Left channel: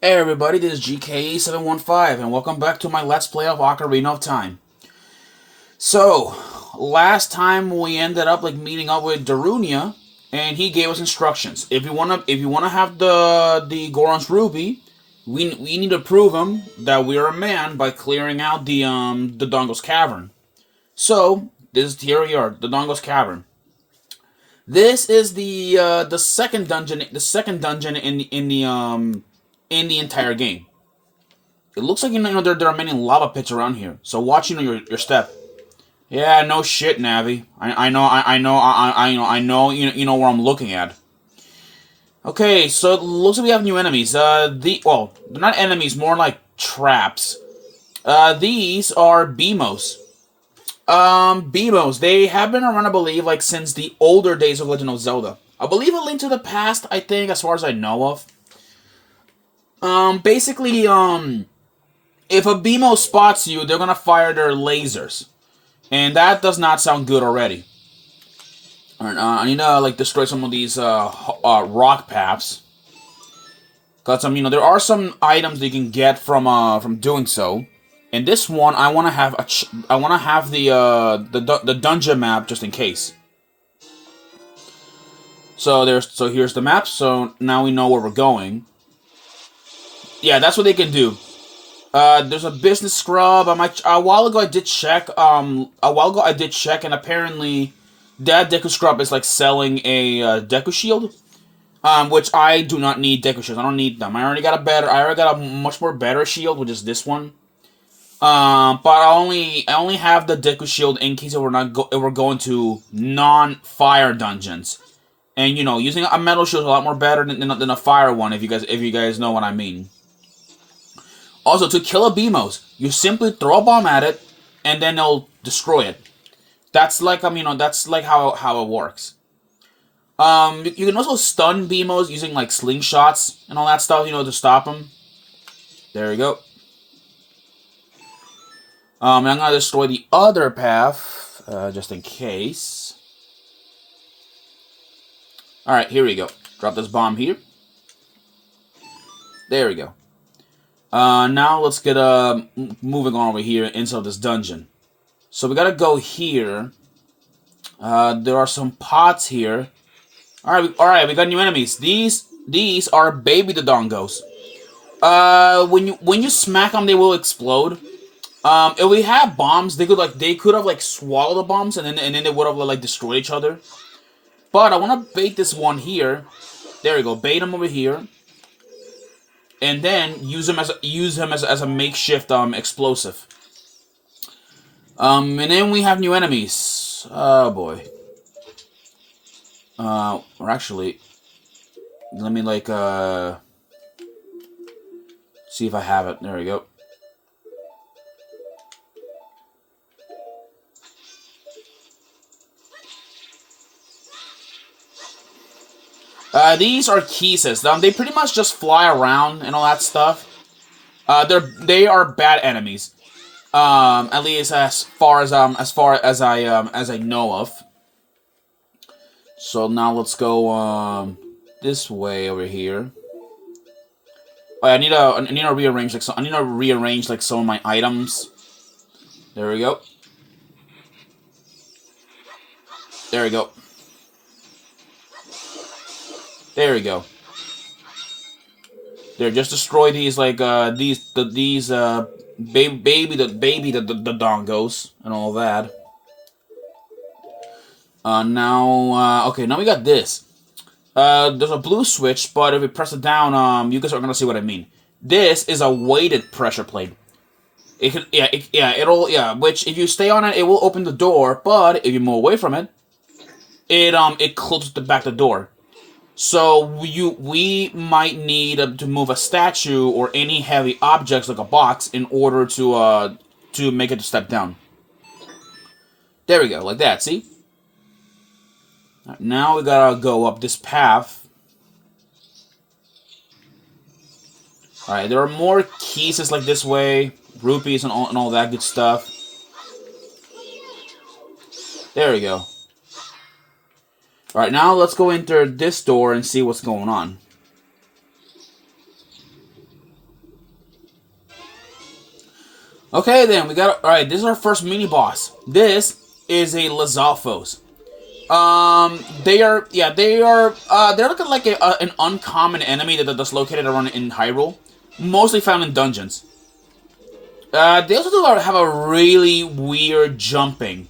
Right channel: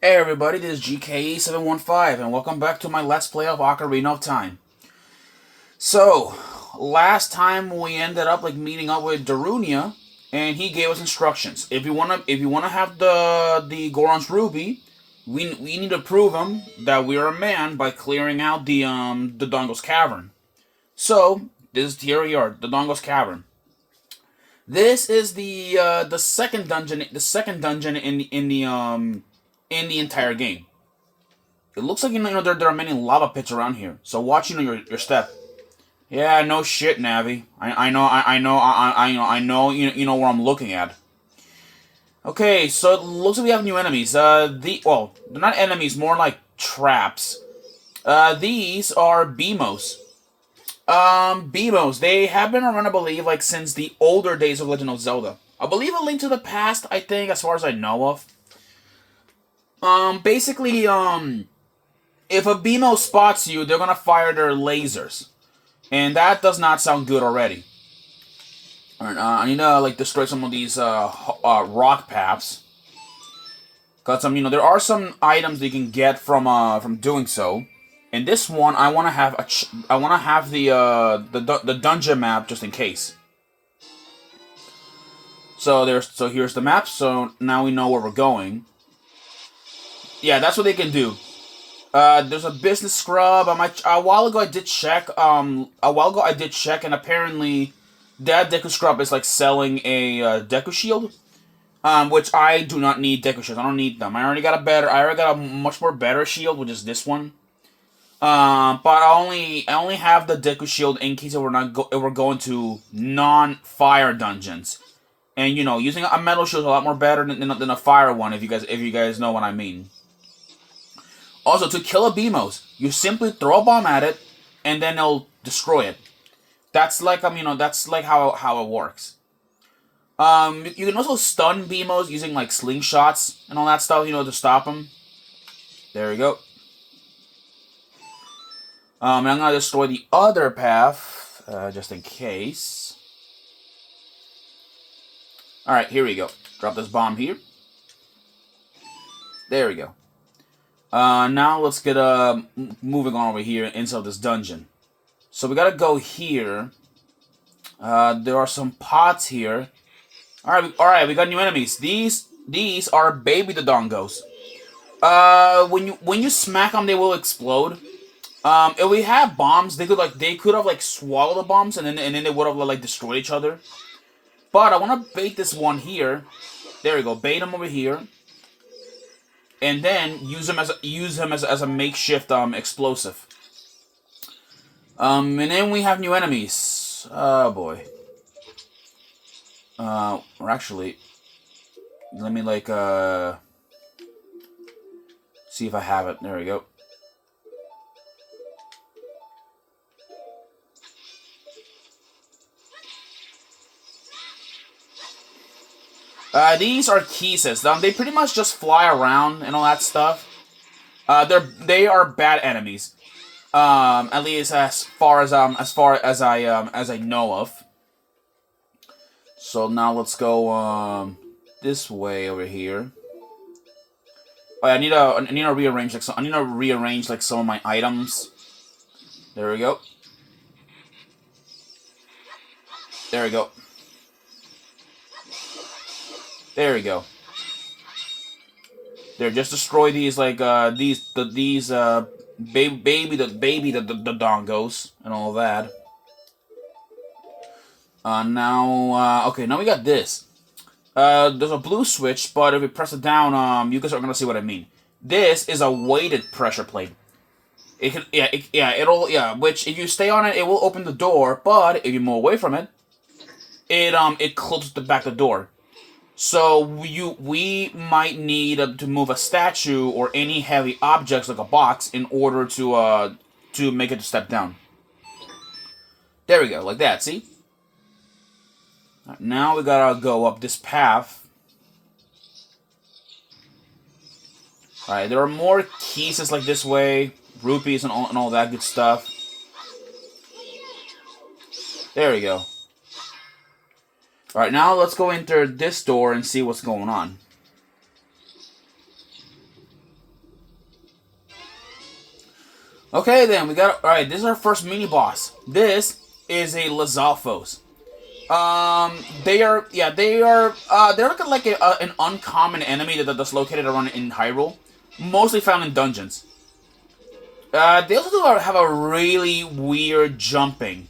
Hey everybody, this is GKE715 and welcome back to my Let's Play of Ocarina of Time. So, last time we ended up meeting up with Darunia and he gave us instructions. If you wanna have the Goron's Ruby, we need to prove him that we are a man by clearing out the Dongo's Cavern. So, here we are, the Dongo's Cavern. This is the second dungeon in the entire game. It looks like there are many lava pits around here. So watch your step. Yeah, no shit, Navi. I know where I'm looking at. Okay, so it looks like we have new enemies. They're not enemies, more like traps. These are Beamos. Beamos. They have been around, I believe, since the older days of Legend of Zelda. I believe A Link to the Past, I think, as far as I know of. Basically, if a BMO spots you, they're gonna fire their lasers. And that does not sound good already. Alright, I need to, destroy some of these, rock paths. Cause, there are some items that you can get from doing so. And this one, I want to have the dungeon map just in case. So here's the map. So now we know where we're going. Yeah, that's what they can do. There's a business scrub. A while ago I did check. And apparently that Deku scrub is selling a Deku shield. Which I do not need Deku shields. I don't need them. I already got a much more better shield, which is this one. But I only have the Deku shield in case if we're going to non-fire dungeons. And using a metal shield is a lot more better than a fire one. If you guys know what I mean. Also, to kill a Beamos, you simply throw a bomb at it, and then it'll destroy it. That's that's how it works. You can also stun Beamos using slingshots and all that stuff, to stop them. There we go. And I'm gonna destroy the other path, just in case. All right, here we go. Drop this bomb here. There we go. Now let's get moving on over here inside this dungeon. So we gotta go here. There are some pots here. All right, we got new enemies. These are baby Dodongos. When you smack them, they will explode. If we have bombs, they could have swallowed the bombs and then they would have destroyed each other. But I want to bait this one here. There we go. Bait him over here. And then use him as a makeshift explosive. And then we have new enemies. Oh boy. Or actually, let me see if I have it. There we go. These are Kisses. They pretty much just fly around and all that stuff. They are bad enemies. At least as far as I know of. So now let's go this way over here. Oh, I need to rearrange some of my items. There we go. There we go. There we go. There, just destroy these baby the dongos and all that. Okay, now we got this. There's a blue switch, but if we press it down, you guys are gonna see what I mean. This is a weighted pressure plate. It can, which if you stay on it, it will open the door. But if you move away from it, it closes the door. So we might need to move a statue or any heavy objects like a box in order to make it to step down. There we go, like that. See? Now we gotta go up this path. All right, there are more keys like this way, rupees and all that good stuff. There we go. Alright, now let's go into this door and see what's going on. Okay, then we got. All right, this is our first mini boss. This is a Lizalfos. They're looking like an uncommon enemy that's located around in Hyrule, mostly found in dungeons. They also do have a really weird jumping,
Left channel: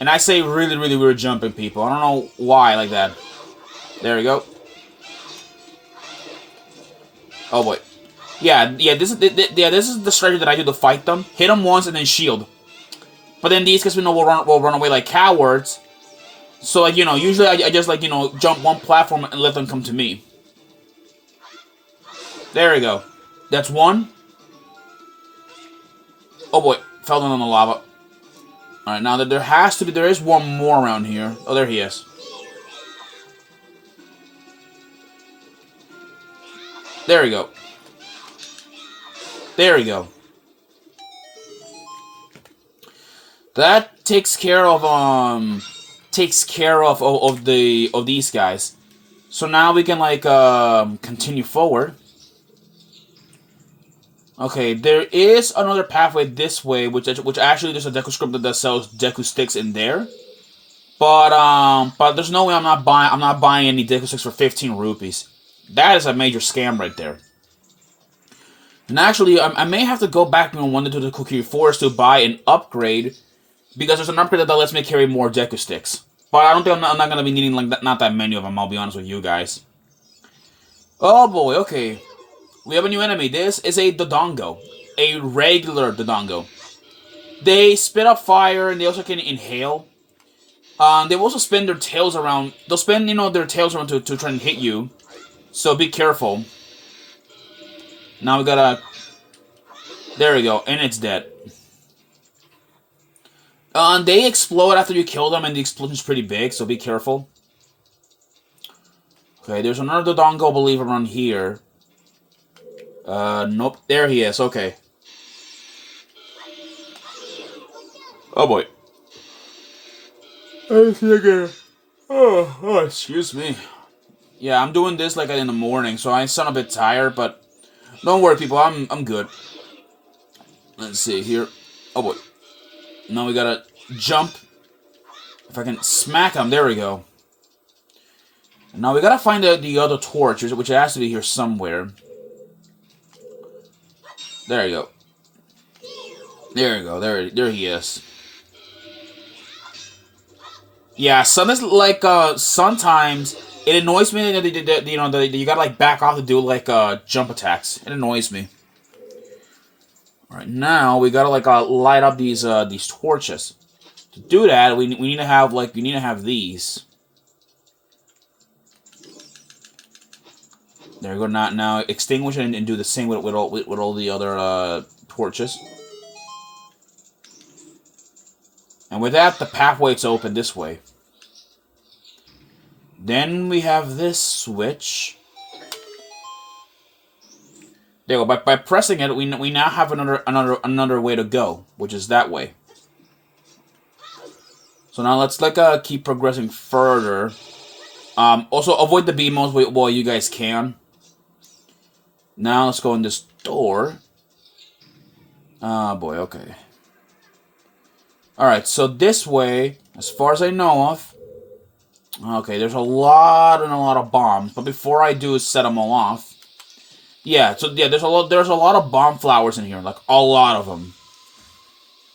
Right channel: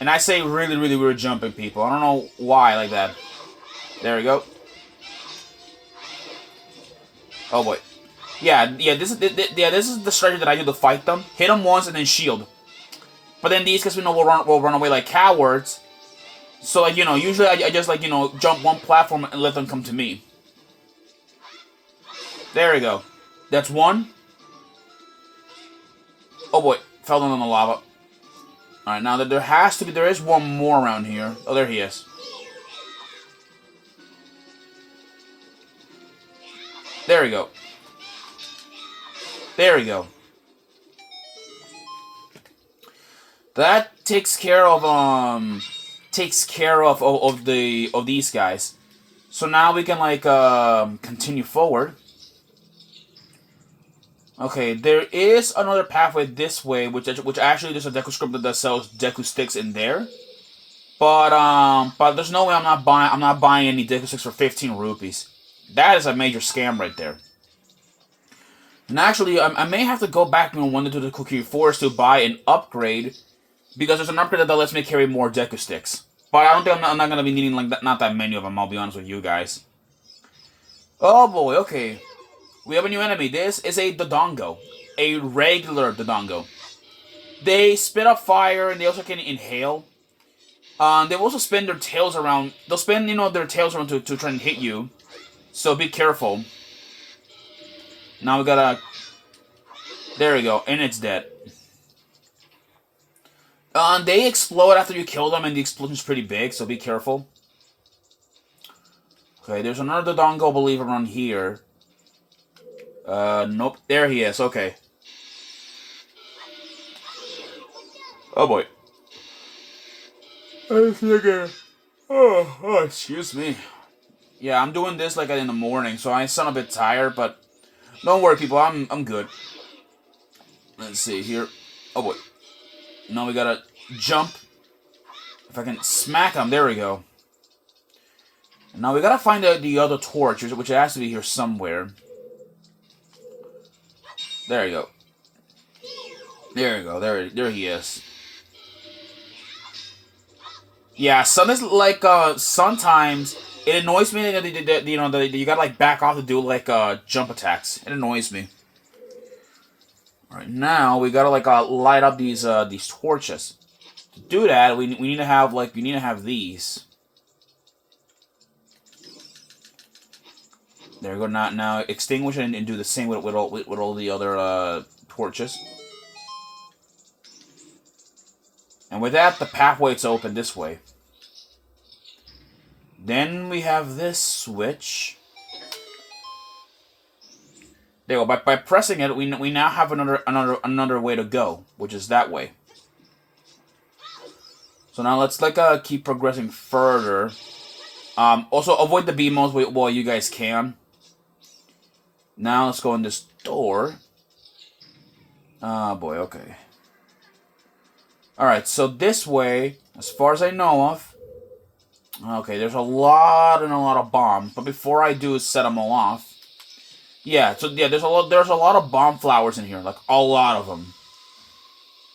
and I say really, really weird jumping, people. I don't know why like that. There we go. Oh boy. Yeah. This is the strategy that I do to fight them. Hit them once and then shield. But then these guys we know will run away like cowards. So like usually I just like jump one platform and let them come to me. There we go. That's one. Oh boy, fell down on the lava. All right, now there is one more around here. Oh, there he is. There we go. There we go. That takes care of these guys. So now we can like continue forward. Okay, there is another pathway this way, which actually there's a Deku script that sells Deku sticks in there. But there's no way I'm not buying any Deku sticks for 15 rupees. That is a major scam right there. And actually, I may have to go back one to the Kokiri Forest to buy an upgrade, because there's an upgrade that lets me carry more Deku sticks. But I don't think I'm not gonna be needing like not that many of them. I'll be honest with you guys. Oh boy, okay. We have a new enemy. This is a Dodongo. A regular Dodongo. They spit up fire and they also can inhale. They also spin their tails around. They'll spin, their tails around to try and hit you. So be careful. Now we gotta... There we go. And it's dead. They explode after you kill them and the explosion's pretty big, so be careful. Okay, there's another Dodongo, I believe, around here. Nope. There he is. Okay. Oh, boy. Oh, excuse me. Yeah, I'm doing this like in the morning, so I sound a bit tired, but don't worry, people. I'm good. Let's see here. Oh, boy. Now we gotta jump. If I can smack him. There we go. Now we gotta find the other torch, which has to be here somewhere. There you go. There you go. There he is. Yeah, sometimes it annoys me that you gotta like back off to do like jump attacks. It annoys me. All right, now we gotta like light up these torches. To do that, we need to have these. There we go. Now extinguish it and do the same with all the other torches. And with that, the pathway's open this way. Then we have this switch. There we go. By pressing it, we now have another way to go, which is that way. So now let's keep progressing further. Also avoid the beamos while you guys can. Now let's go in this door. Oh boy, okay. Alright, so this way, as far as I know of... Okay, there's a lot of bombs, but before I do is set them all off. Yeah, so yeah, there's a lot of bomb flowers in here, like a lot of them.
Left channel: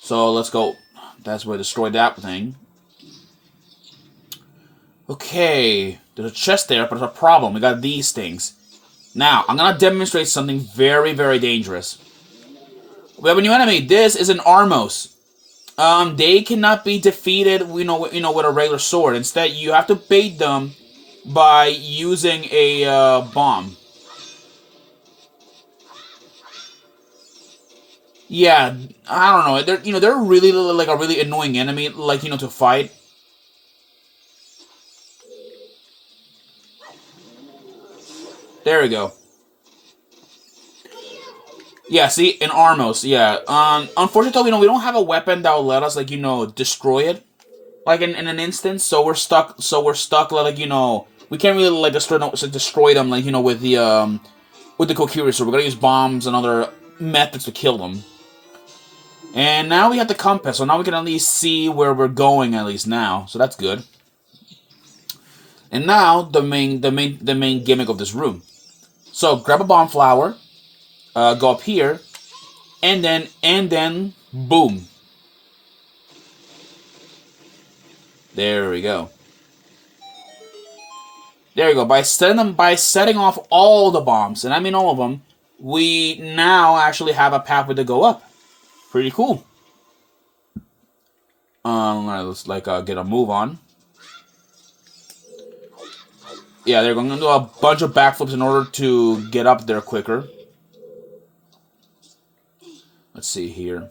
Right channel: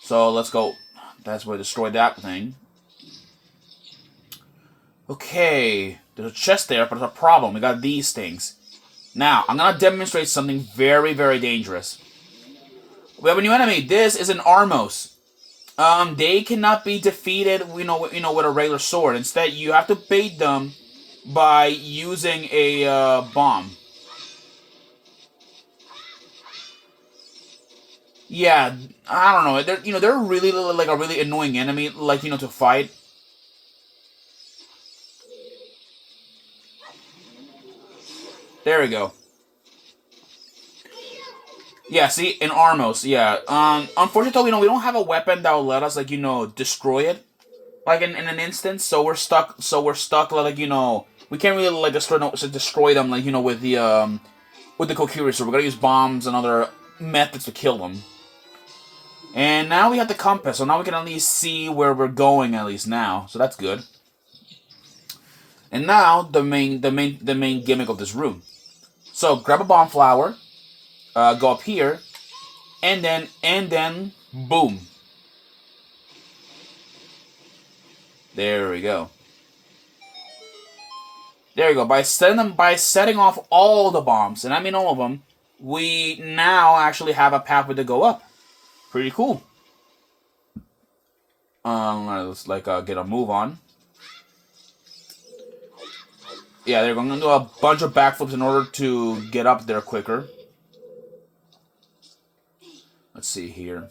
So let's go. That's where destroy that thing. Okay, there's a chest there, but there's a problem. We got these things. Now, I'm gonna demonstrate something very, very dangerous. We have a new enemy. This is an Armos. They cannot be defeated, with a regular sword. Instead, you have to bait them by using a bomb. Yeah, I don't know. They're really like a really annoying enemy, to fight. There we go. Yeah, see, in Armos, yeah. Unfortunately, we don't have a weapon that will let us, destroy it, in an instant. So we're stuck. We can't really destroy them, with the Kokiri. So we're gonna use bombs and other methods to kill them. And now we have the compass, so now we can at least see where we're going at least now. So that's good. And now the main gimmick of this room. So grab a bomb flower, go up here, and then boom. There we go. There you go. By setting off all the bombs, and I mean all of them, we now actually have a pathway to go up. Pretty cool. Let's get a move on. Yeah, they're going to do a bunch of backflips in order to get up there quicker. Let's see here.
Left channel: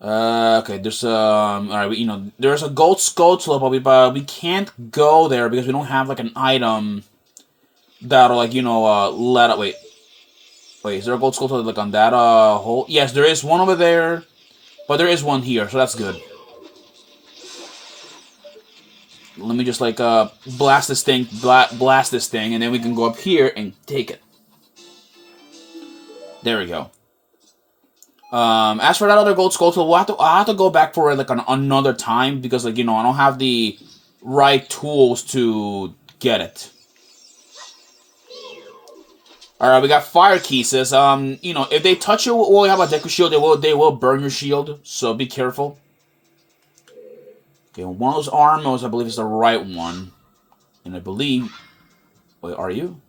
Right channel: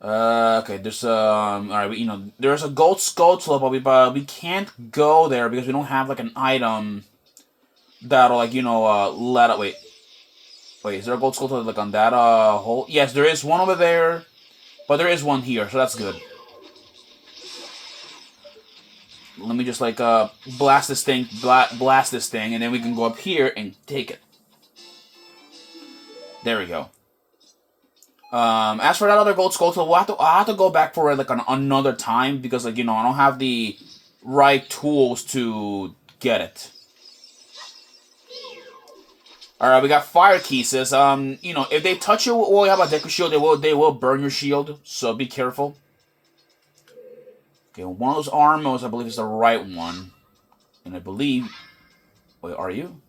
Okay, there's alright, there's a gold skull slope, but we can't go there because we don't have like an item that'll let up. Wait, is there a gold skull slope like on that hole? Yes, there is one over there, but there is one here, so that's good. Let me just blast this thing, and then we can go up here and take it. There we go. As for that other gold skull, I'll have to go back for it another time because I don't have the right tools to get it. All right, we got fire pieces. If they touch you while you have a Deku shield, they will burn your shield. So be careful. Okay, one of those armors, I believe, is the right one, and I believe. Wait, are you?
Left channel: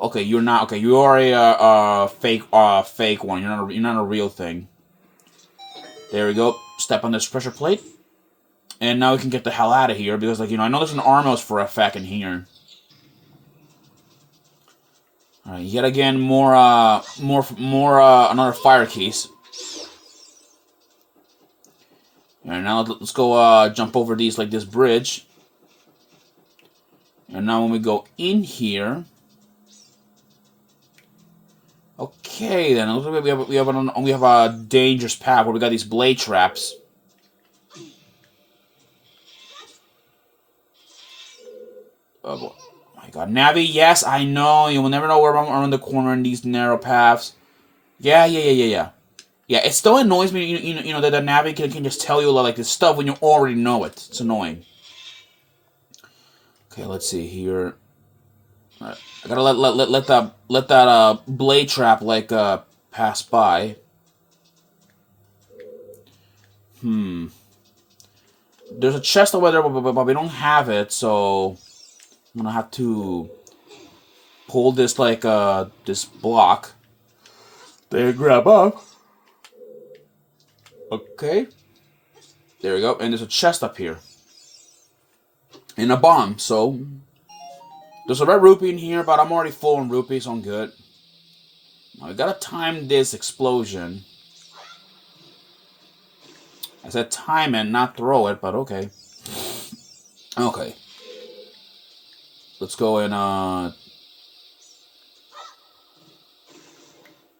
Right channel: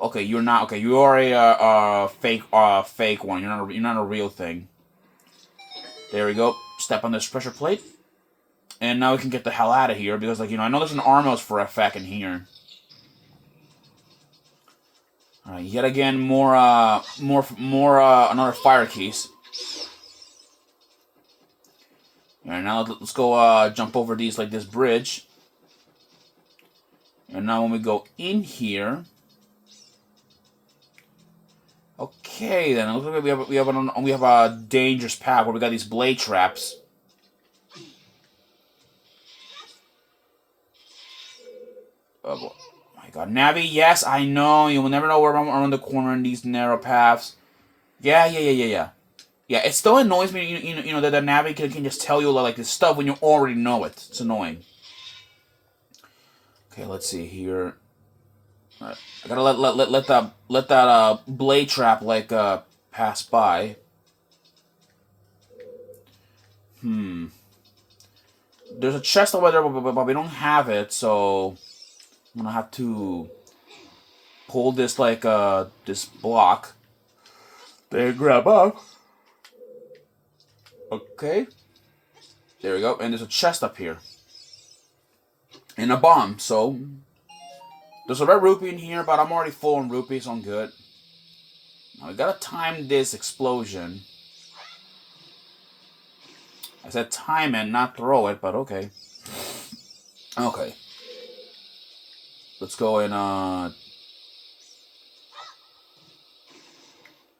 Okay, you're not. Okay, you are a fake one. You're not a real thing. There we go. Step on this pressure plate, and now we can get the hell out of here because, I know there's an Armos for effect in here. All right, yet again, more another fire keys. All right, now let's go jump over this bridge, and now when we go in here. Okay, then it looks like we have a dangerous path where we got these blade traps. Oh my God, Navi! Yes, I know you will never know where I'm around the corner in these narrow paths. Yeah. Yeah, it still annoys me. That the Navi can just tell you this stuff when you already know it. It's annoying. Okay, let's see here. I gotta let that blade trap pass by. There's a chest over there, but we don't have it, so I'm gonna have to pull this this block. Then grab up. Okay. There we go, and there's a chest up here. And a bomb, so there's a red rupee in here, but I'm already full on rupees, so I'm good. Now we gotta time this explosion. I said time it, not throw it, but okay. Okay. Let's go and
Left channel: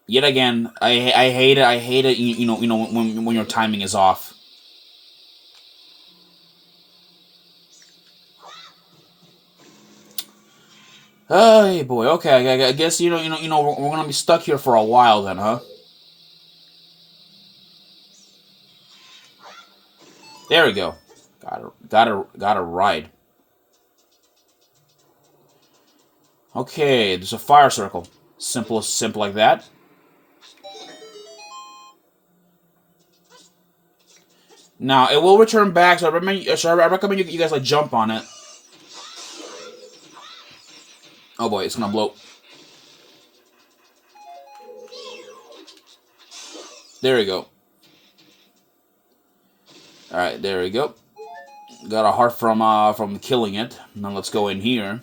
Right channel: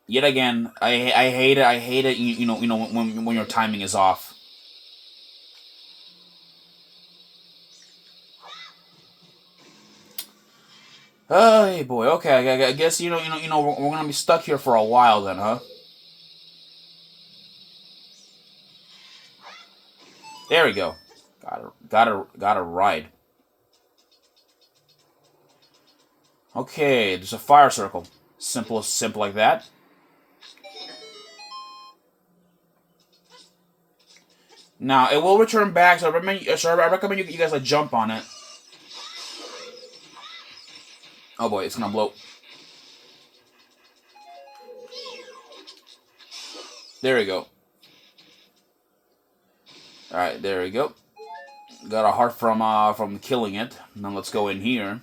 yet again, I hate it. I hate it. When your timing is off. Oh, hey boy. Okay, I guess we're gonna be stuck here for a while then, huh? There we go. Got a ride. Okay, there's a fire circle. Simple like that. Now it will return back, so I recommend you guys jump on it. Oh boy, it's gonna blow. There we go. All right, there we go. Got a heart from killing it. Now let's go in here.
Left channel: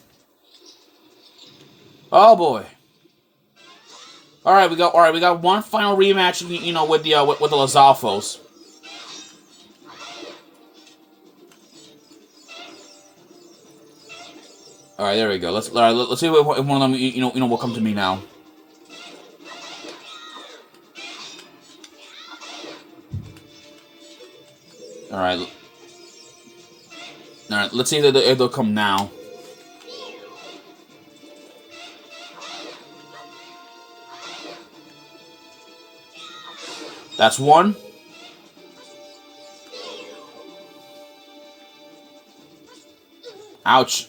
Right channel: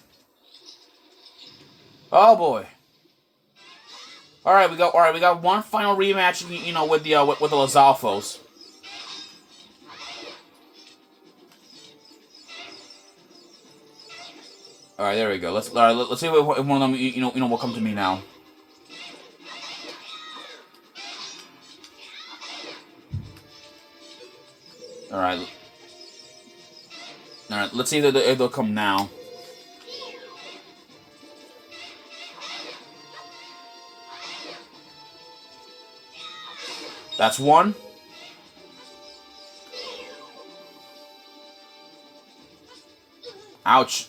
Oh boy. All right, we got one final rematch. With the Lizalfos. All right, there we go. Let's see if one of them will come to me now. All right. Let's see if they'll come now. That's one. Ouch.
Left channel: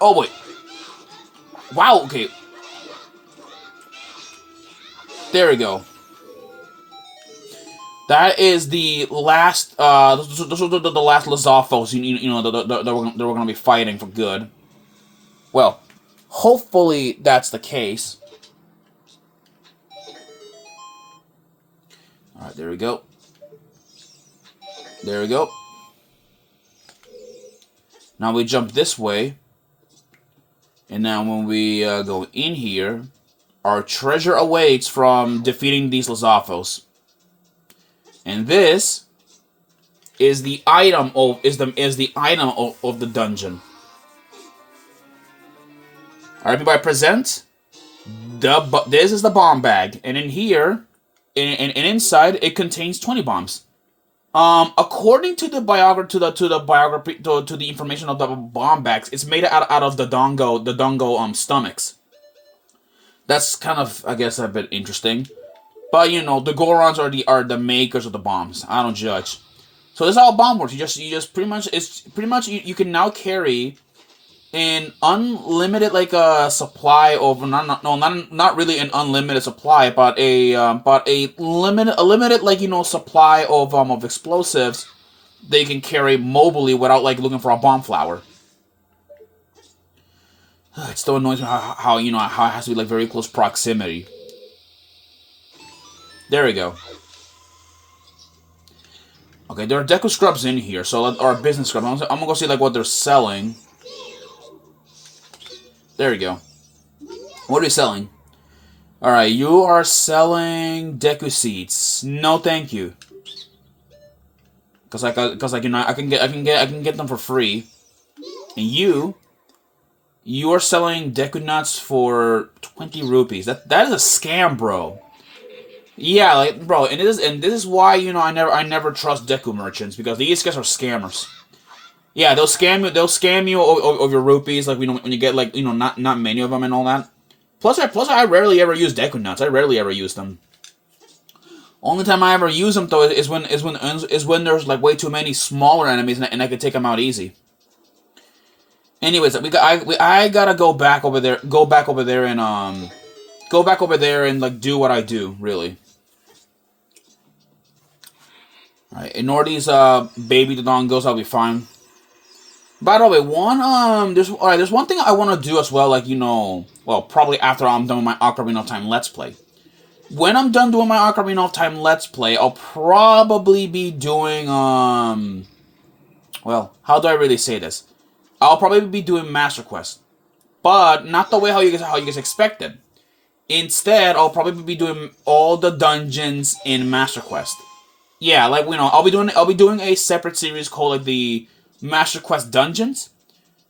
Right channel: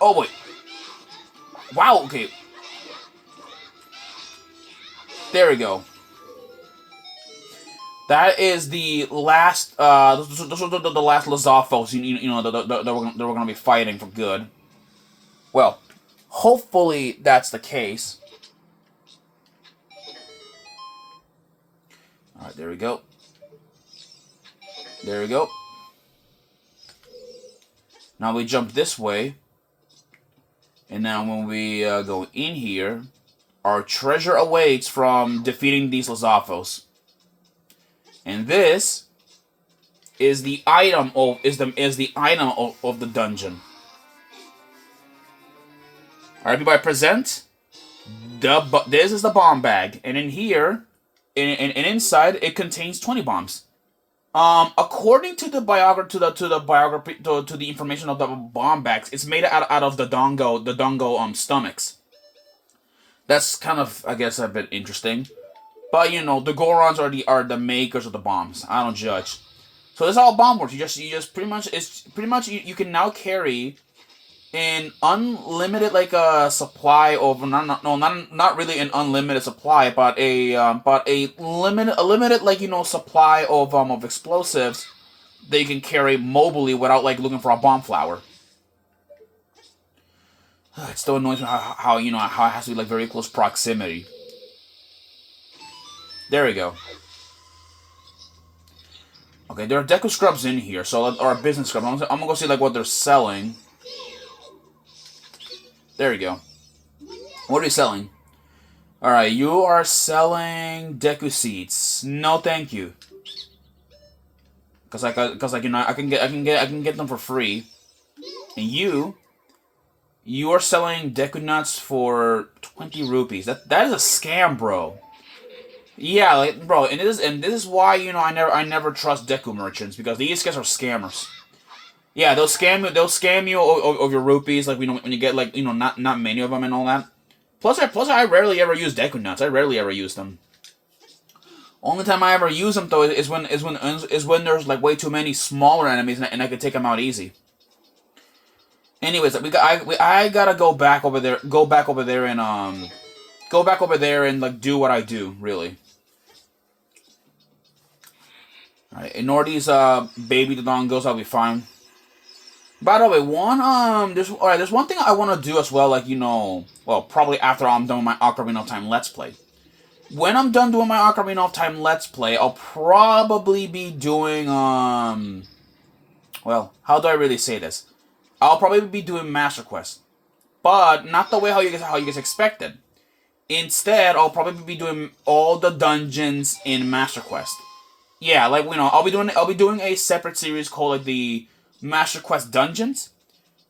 Oh, wait. Wow, okay. There we go. That is the last, those are the last Lizalfos, you know, that we're going to be fighting for good. Well, hopefully that's the case. Alright, there we go. There we go. Now we jump this way. And now when we go in here, our treasure awaits from defeating these Lizalfos. And this is the item of of the dungeon. Alright, everybody present. This is the bomb bag. And in here, and inside, it contains 20 bombs. According to the biography, to the information of the bomb bags, it's made out of the dongo stomachs. That's kind of, I guess, a bit interesting. But you know, the Gorons are the makers of the bombs. I don't judge. So this is how a bomb works. You just pretty much you can now carry an unlimited supply of not really an unlimited supply, but a limited supply of explosives they can carry mobily without looking for a bomb flower. It's so annoying how it has to be very close proximity. There we go. Okay, there are Deku Scrubs in here, or business scrubs. I'm gonna go see what they're selling. There we go. What are you selling? Alright, you are selling Deku Seeds. No thank you. I can get them for free. And you are selling Deku Nuts for 20 rupees. That is a scam, bro. Yeah, bro, and this is why I never trust Deku merchants, because these guys are scammers. Yeah, they'll scam you of your rupees, when you get not many of them and all that. Plus I rarely ever use Deku Nuts. I rarely ever use them. Only time I ever use them though is when there's way too many smaller enemies and I can take them out easy. Anyways, I gotta go back over there and do what I do, really. Alright, ignore these baby Dodongos, I'll be fine. By the way, there's one thing I want to do as well, probably after I'm done with my Ocarina of Time Let's Play. When I'm done doing my Ocarina of Time Let's Play, I'll probably be doing, how do I really say this? I'll probably be doing Master Quest. But not the way how you guys expected. Instead, I'll probably be doing all the dungeons in Master Quest. Yeah, I'll be doing a separate series called the Master Quest Dungeons,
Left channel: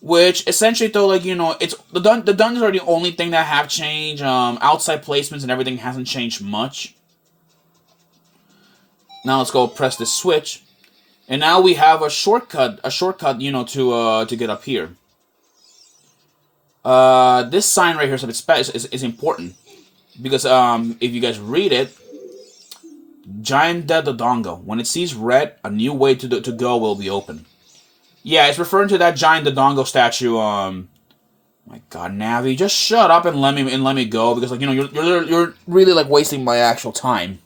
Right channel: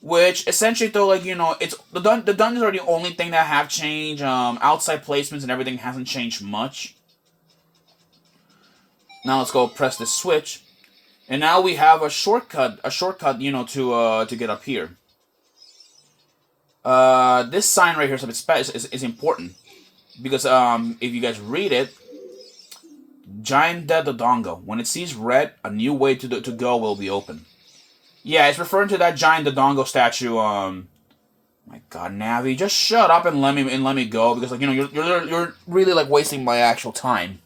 which essentially though it's the dungeons are the only thing that have changed. Outside placements and everything hasn't changed much. Now let's go press the switch, and now we have a shortcut to get up here. This sign right here is important because if you guys read it, Giant Dead Dodongo. When it sees red, a new way to go will be open. Yeah, it's referring to that Giant Dodongo statue. My God, Navi, just shut up and let me go, because you're really wasting my actual time.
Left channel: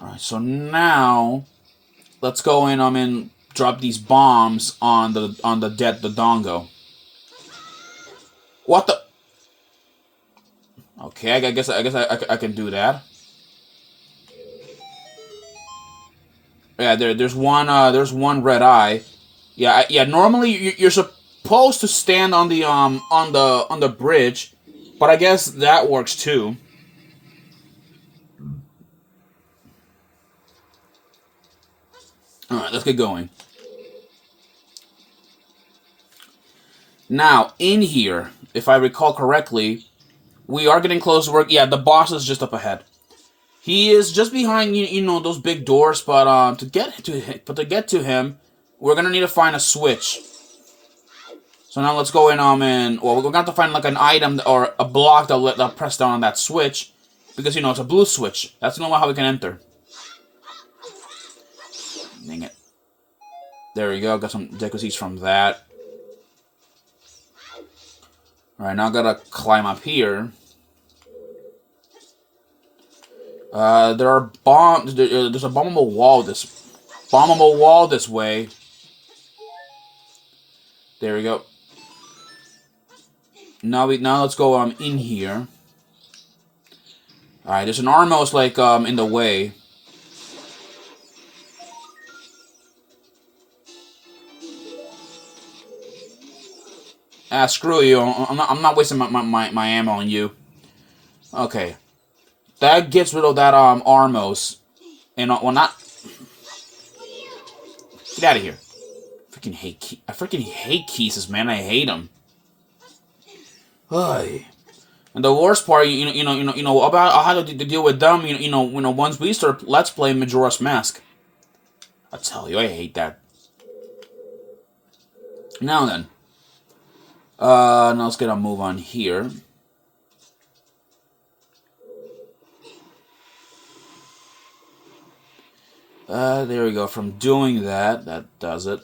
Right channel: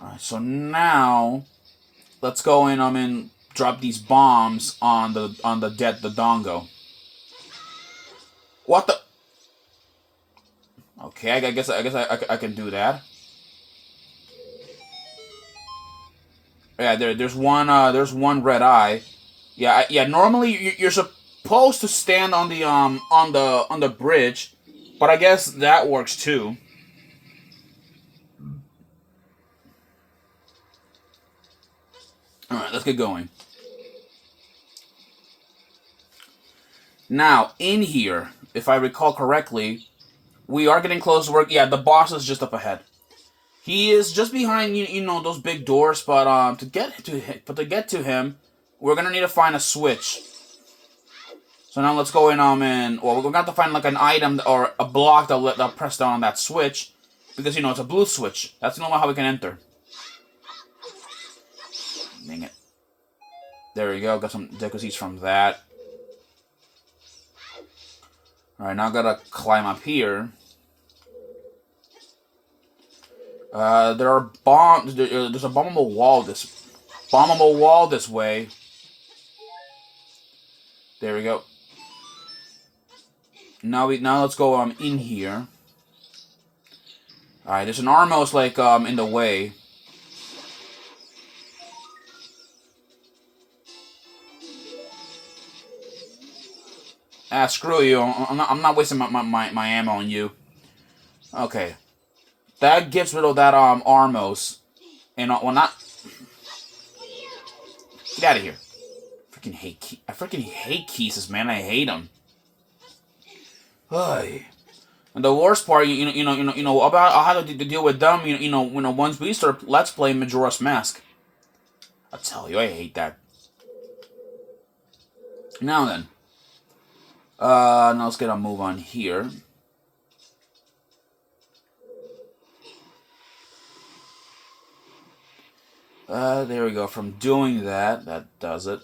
All right, so now let's go in and drop these bombs on the dead Dodongo. What the? Okay, I guess I can do that. Yeah, there's one red eye. Yeah. Normally you're supposed to stand on the bridge, but I guess that works too. All right, let's get going. Now in here, if I recall correctly, we are getting close to work. Yeah, the boss is just up ahead. He is just behind those big doors, but to get to him, we're gonna need to find a switch. So now let's go in we're gonna have to find an item or a block that'll press down on that switch, because it's a blue switch. That's not how we can enter. There we go. Got some deku seeds from that. Alright, now I gotta climb up here. There are bombs. There's a bombable wall this way. There we go. Now let's go in here. Alright, there's an Armos like in the way. Ah, screw you. I'm not wasting my ammo on you. Okay. That gets rid of that Armos. And well, not. Get out of here. I freaking hate Keeses, man. I hate them. And the worst part, you know about how to deal with them. You know, once we start Let's Play Majora's Mask. I tell you, I hate that. Now then. Now let's get a move on here. There we go. From doing that does it.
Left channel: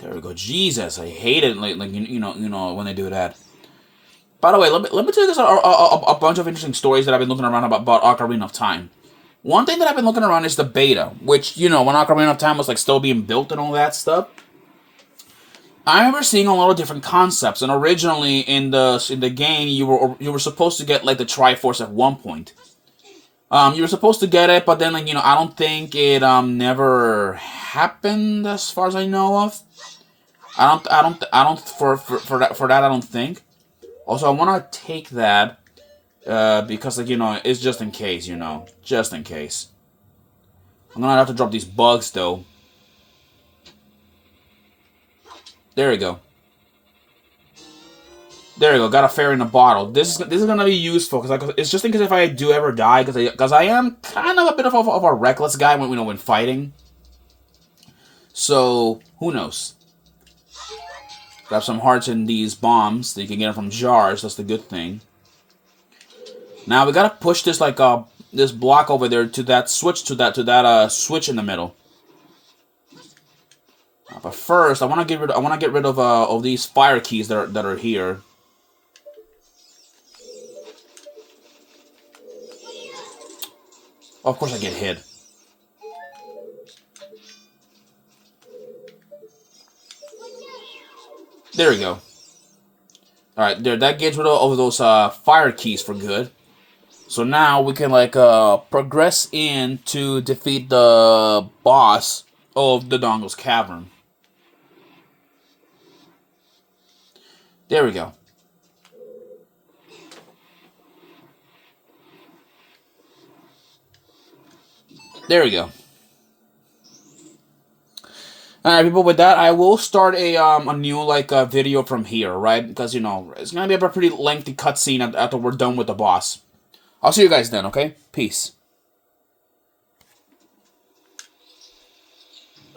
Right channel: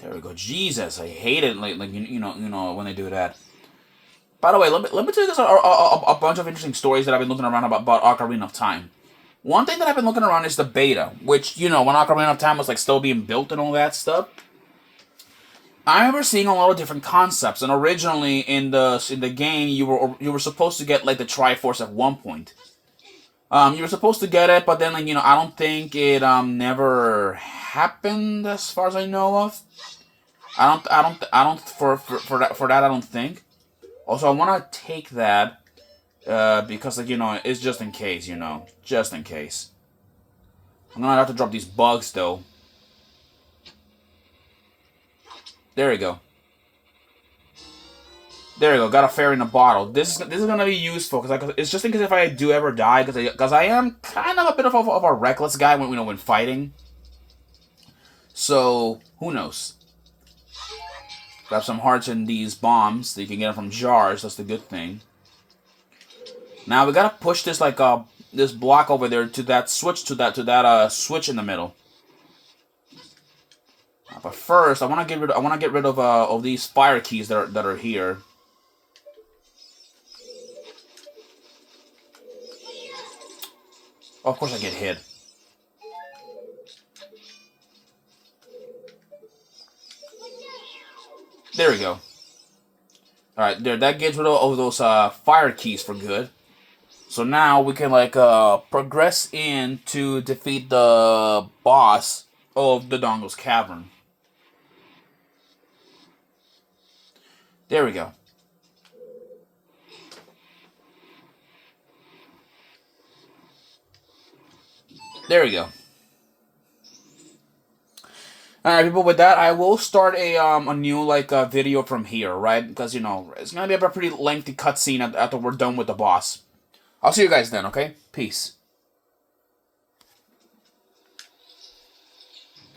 There we go. Jesus, I hate it. Like you know when they do that. By the way, let me tell you guys a bunch of interesting stories that I've been looking around about Ocarina of Time. One thing that I've been looking around is the beta, which, you know, when Ocarina of Time was like still being built and all that stuff. I remember seeing a lot of different concepts, and originally in the game you were supposed to get like the Triforce at one point. You were supposed to get it, but then like, you know, I don't think it never happened as far as I know of. I don't for that I don't think. Also, I want to take that. Because, like, you know, it's just in case, you know. Just in case. I'm gonna have to drop these bugs, though. There we go. There we go. Got a fairy in a bottle. This is gonna be useful, because it's just in case if I do ever die, because I am kind of a bit of a reckless guy when fighting. So, who knows? Grab some hearts in these bombs, so you can get them from jars. That's the good thing. Now we gotta push this like this block over there to that switch switch in the middle. But first, I want to get rid of these fire keys that are here. Oh, of course I get hit. There we go. All right, there. That gets rid of those fire keys for good. So now we can like progress in to defeat the boss of the Dongle's Cavern. There we go. There we go. Alright, people, with that, I will start a new, like, video from here, right? Because, you know, it's gonna be a pretty lengthy cutscene after we're done with the boss. I'll see you guys then, okay? Peace.